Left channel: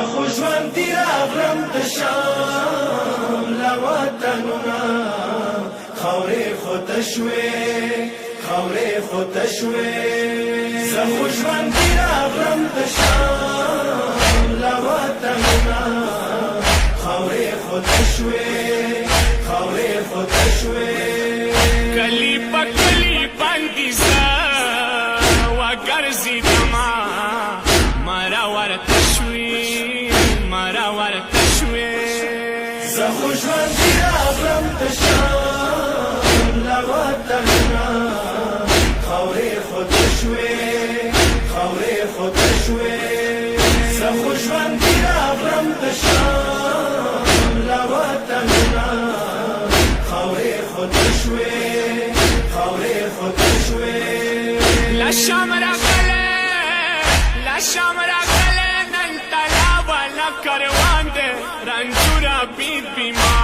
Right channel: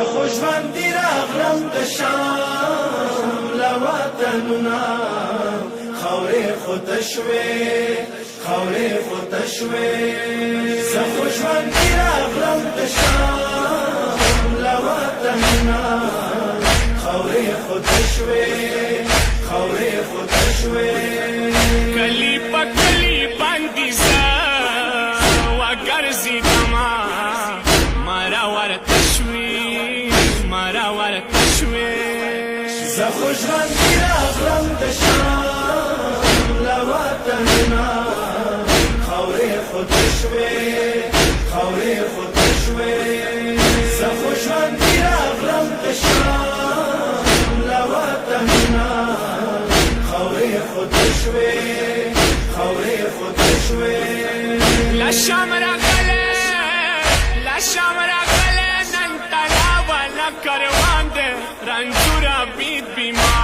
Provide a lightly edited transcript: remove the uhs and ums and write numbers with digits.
خوشوان راغلم د شام له وطنونه خاورې خو تشوې زه خوشوان راغلم د شام له وطنونه خاورې خو تشوې کلی په کلی باندې زه وګرځېدمه مرا ورته شوې زه خوشوان راغلم د شام له وطنونه خاورې خو تشوې زه خوشوان راغلم د شام له وطنونه خاورې خو تشوې لا شام راغله نن تلا والا کروان دے رنجورا بیت بیمار